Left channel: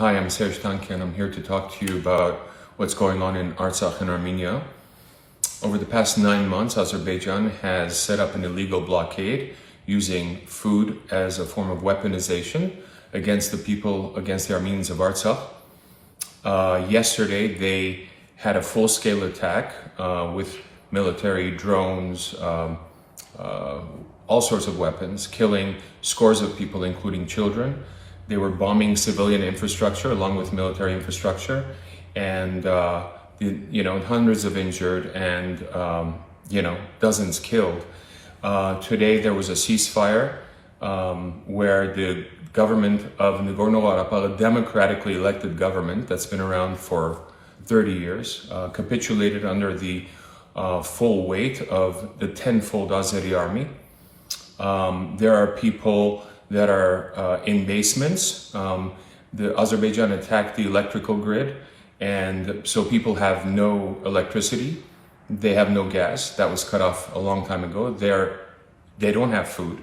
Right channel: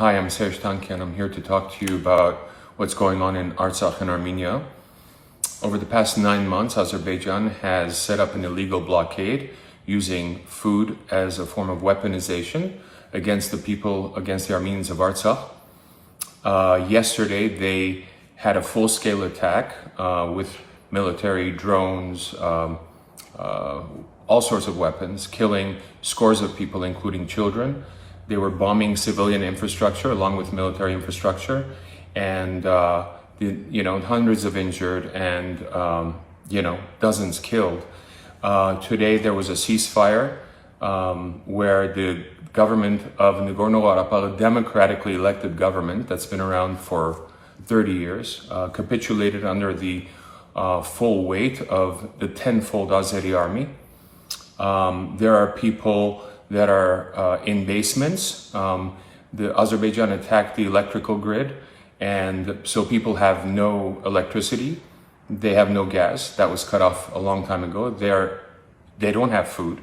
Hi, I'm Tանկyանը. I'm here to talk to you about what's going on in Artsakh and Armenia. Over the past 9 months, Azerbaijan has set up an illegal blockade using food as a form of weaponization against the people, against the Armenians of Artsakh. Yesterday, they had a full-scale attack with military drones, all sorts of weapons, killing scores of people, including children. They were bombing civilian infrastructure along with military infrastructure, and hundreds of injured and dozens killed. Today there was a ceasefire where the government of Nagorno-Karabakh, a democratically elected government that's been around for 30 years, capitulated under the full weight of the tenfold Azeri army. There are people that are in basements. The Azerbaijan attacked the electrical grid, and so people have no electricity. They have no gas. That was cut off a long time ago. They don't have food.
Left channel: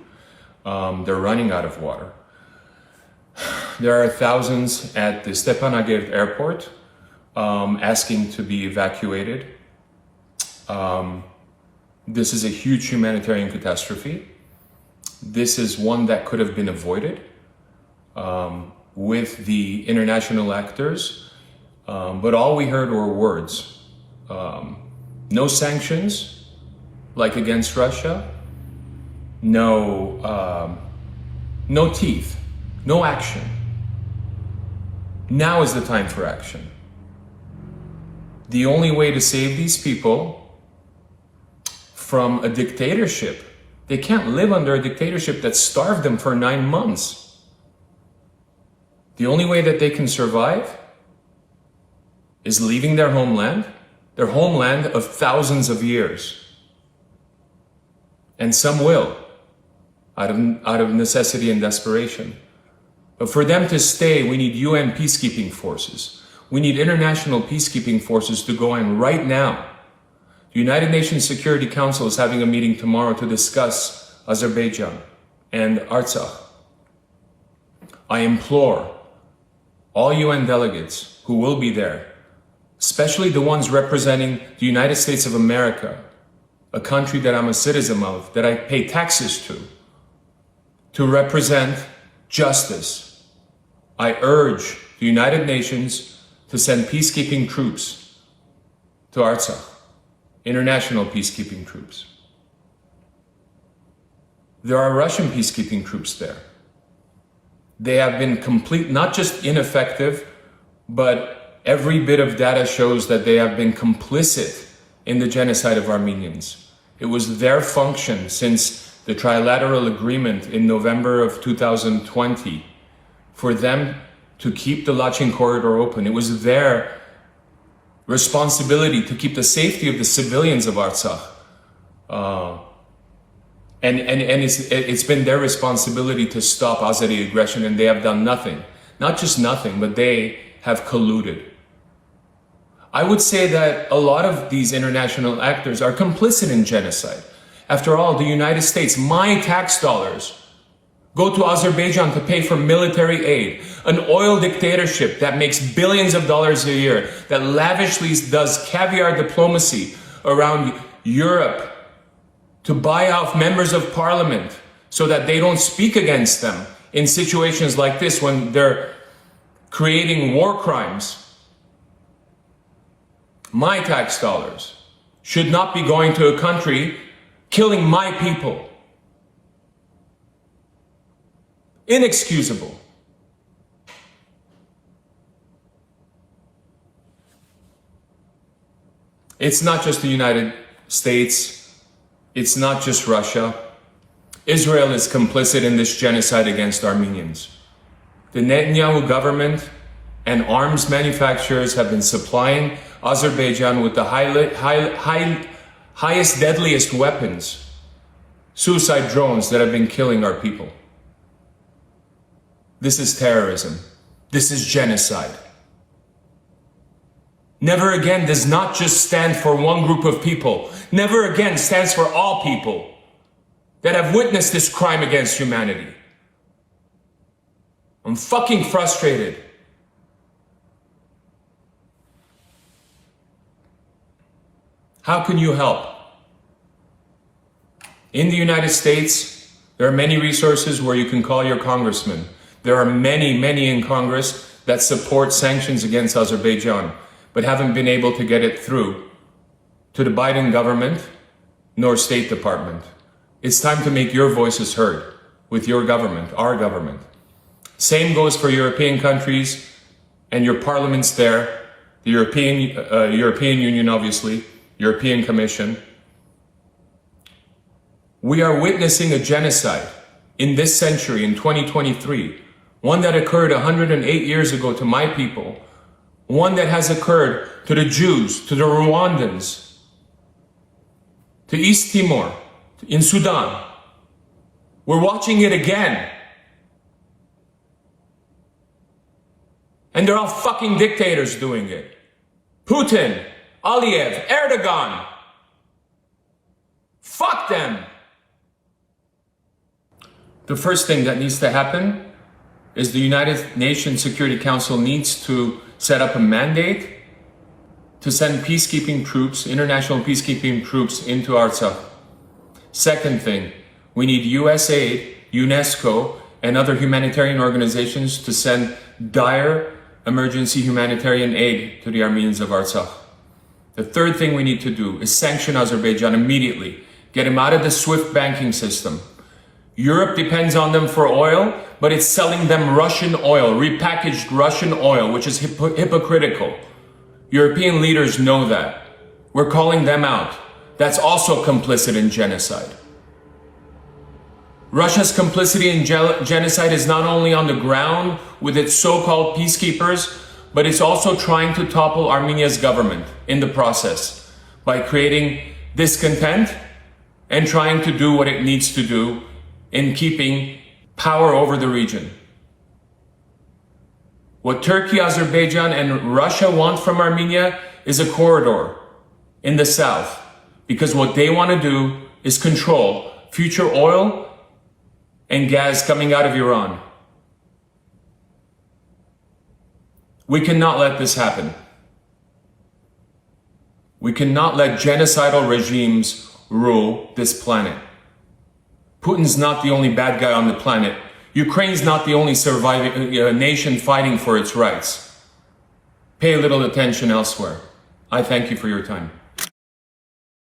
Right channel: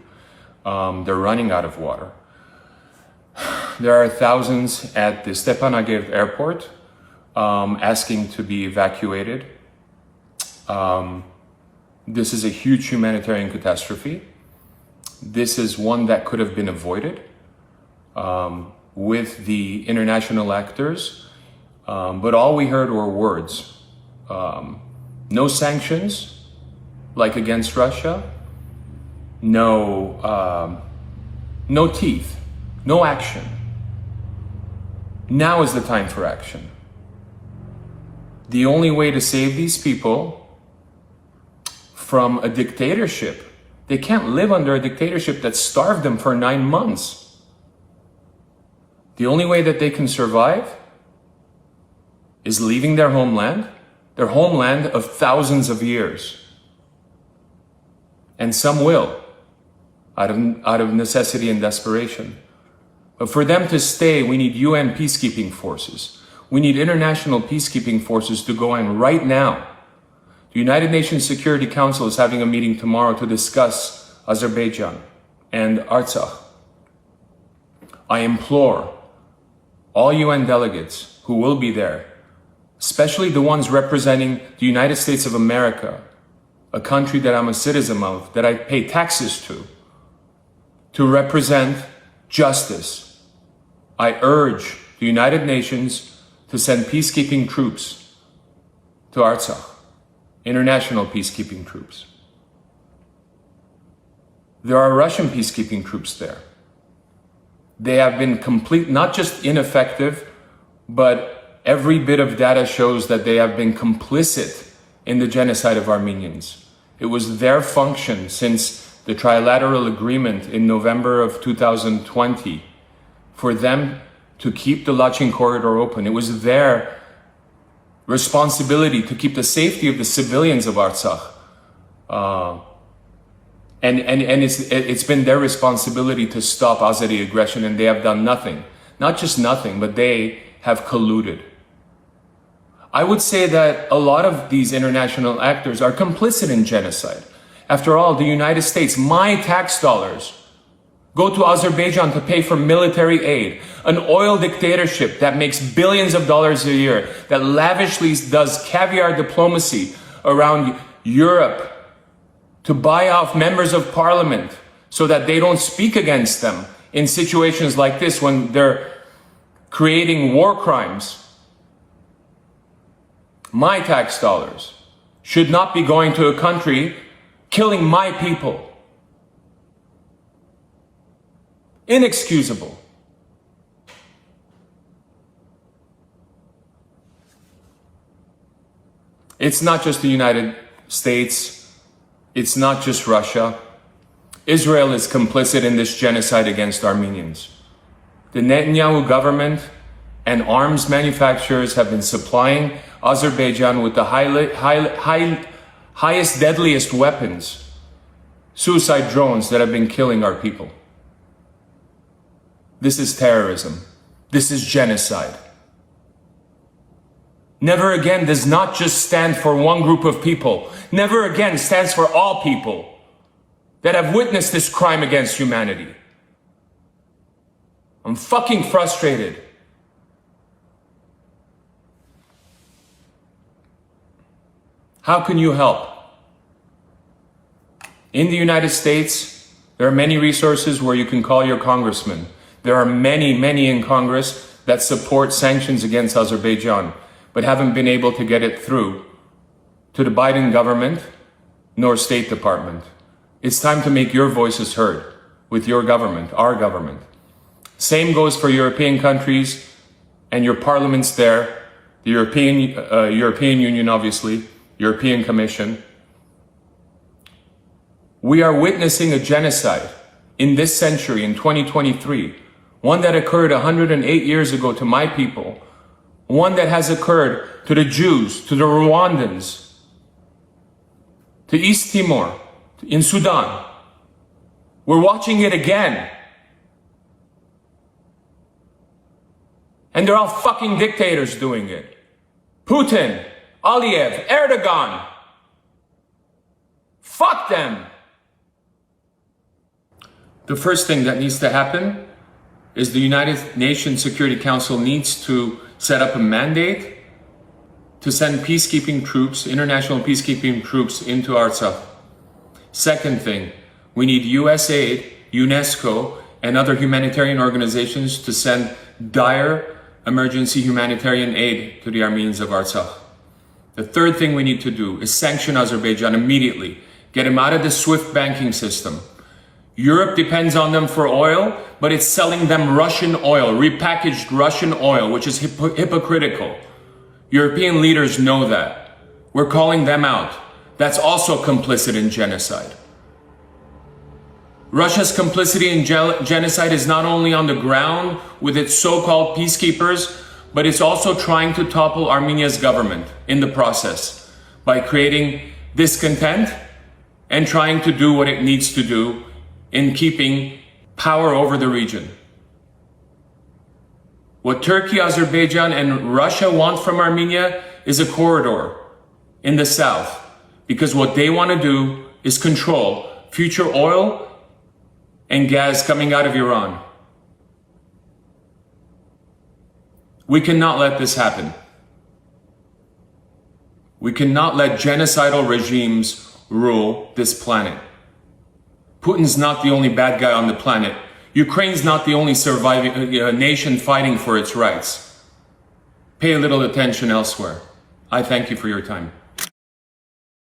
They're running out of water. There are thousands at the Stepanakert airport asking to be evacuated. This is a huge humanitarian catastrophe. This is one that could have been avoided with the international actors, but all we heard were words. No sanctions, like against Russia, no teeth, no action. Now is the time for action. The only way to save these people from a dictatorship, they can't live under a dictatorship that starved them for 9 months. The only way that they can survive is leaving their homeland of thousands of years. And some will, out of necessity and desperation. But for them to stay, we need UN peacekeeping forces. We need international peacekeeping forces to go in right now. The United Nations Security Council is having a meeting tomorrow to discuss Azerbaijan and Artsakh. I implore all UN delegates who will be there, especially the ones representing the United States of America, a country that I'm a citizen of, that I pay taxes to represent justice. I urge the United Nations to send peacekeeping troops to Artsakh. International peacekeeping troops. There are Russian peacekeeping troops there. They have been not just ineffective, but every bit of data shows that they have been complicit in the genocide of Armenians. It was their function since the trilateral agreement in November of 2020 for them to keep the Lachin corridor open. It was their responsibility to keep the safety of the civilians of Artsakh. And it's been their responsibility to stop Azeri aggression, and they have done nothing. Not just nothing, but they have colluded. I would say that a lot of these international actors are complicit in genocide. After all, the United States, my tax dollars, go to Azerbaijan to pay for military aid, an oil dictatorship that makes billions of dollars a year, that lavishly does caviar diplomacy around Europe to buy off members of parliament so that they don't speak against them in situations like this when they're creating war crimes. My tax dollars should not be going to a country killing my people. Inexcusable. It's not just the United States. It's not just Russia. Israel is complicit in this genocide against Armenians. The Netanyahu government and arms manufacturers have been supplying Azerbaijan with the highest, deadliest weapons, suicide drones that have been killing our people. This is terrorism. This is genocide. Never again does not just stand for one group of people. Never again stands for all people that have witnessed this crime against humanity. I'm fucking frustrated How can you help? In the United States, there are many resources where you can call your congressman. There are many in Congress that support sanctions against Azerbaijan, but haven't been able to get it through to the Biden government nor State Department. It's time to make your voices heard with your government, our government. Same goes for European countries and your parliaments there, the European Union, obviously, European Commission. We are witnessing a genocide in this century, in 2023, one that occurred 108 years ago to my people, one that has occurred to the Jews, to the Rwandans, to East Timor, in Sudan. We're watching it again. And they're all fucking dictators doing it. Putin, Aliyev, Erdogan. Fuck them. The first thing that needs to happen is the United Nations Security Council needs to set up a mandate to send peacekeeping troops, international peacekeeping troops into Artsakh. Second thing, we need US aid, UNESCO, and other humanitarian organizations to send dire emergency humanitarian aid to the Armenians of Artsakh. The third thing we need to do is sanction Azerbaijan immediately. Get them out of the SWIFT banking system. Europe depends on them for oil, but it's selling them Russian oil, repackaged Russian oil, which is hypocritical. European leaders know that. We're calling them out. That's also complicit in genocide. Russia's complicity in genocide is not only on the ground with its so-called peacekeepers, but it's also trying to topple Armenia's government in the process by creating discontent and trying to do what it needs to do in keeping power over the region. What Turkey, Azerbaijan, and Russia want from Armenia is a corridor in the south, because what they want to do is control future oil and gas coming out of Iran. We cannot let this happen. We cannot let genocidal regimes rule this planet. Putin's not the only bad guy on the planet. Ukraine's not the only surviving nation fighting for its rights. Pay a little attention elsewhere. I thank you for your time.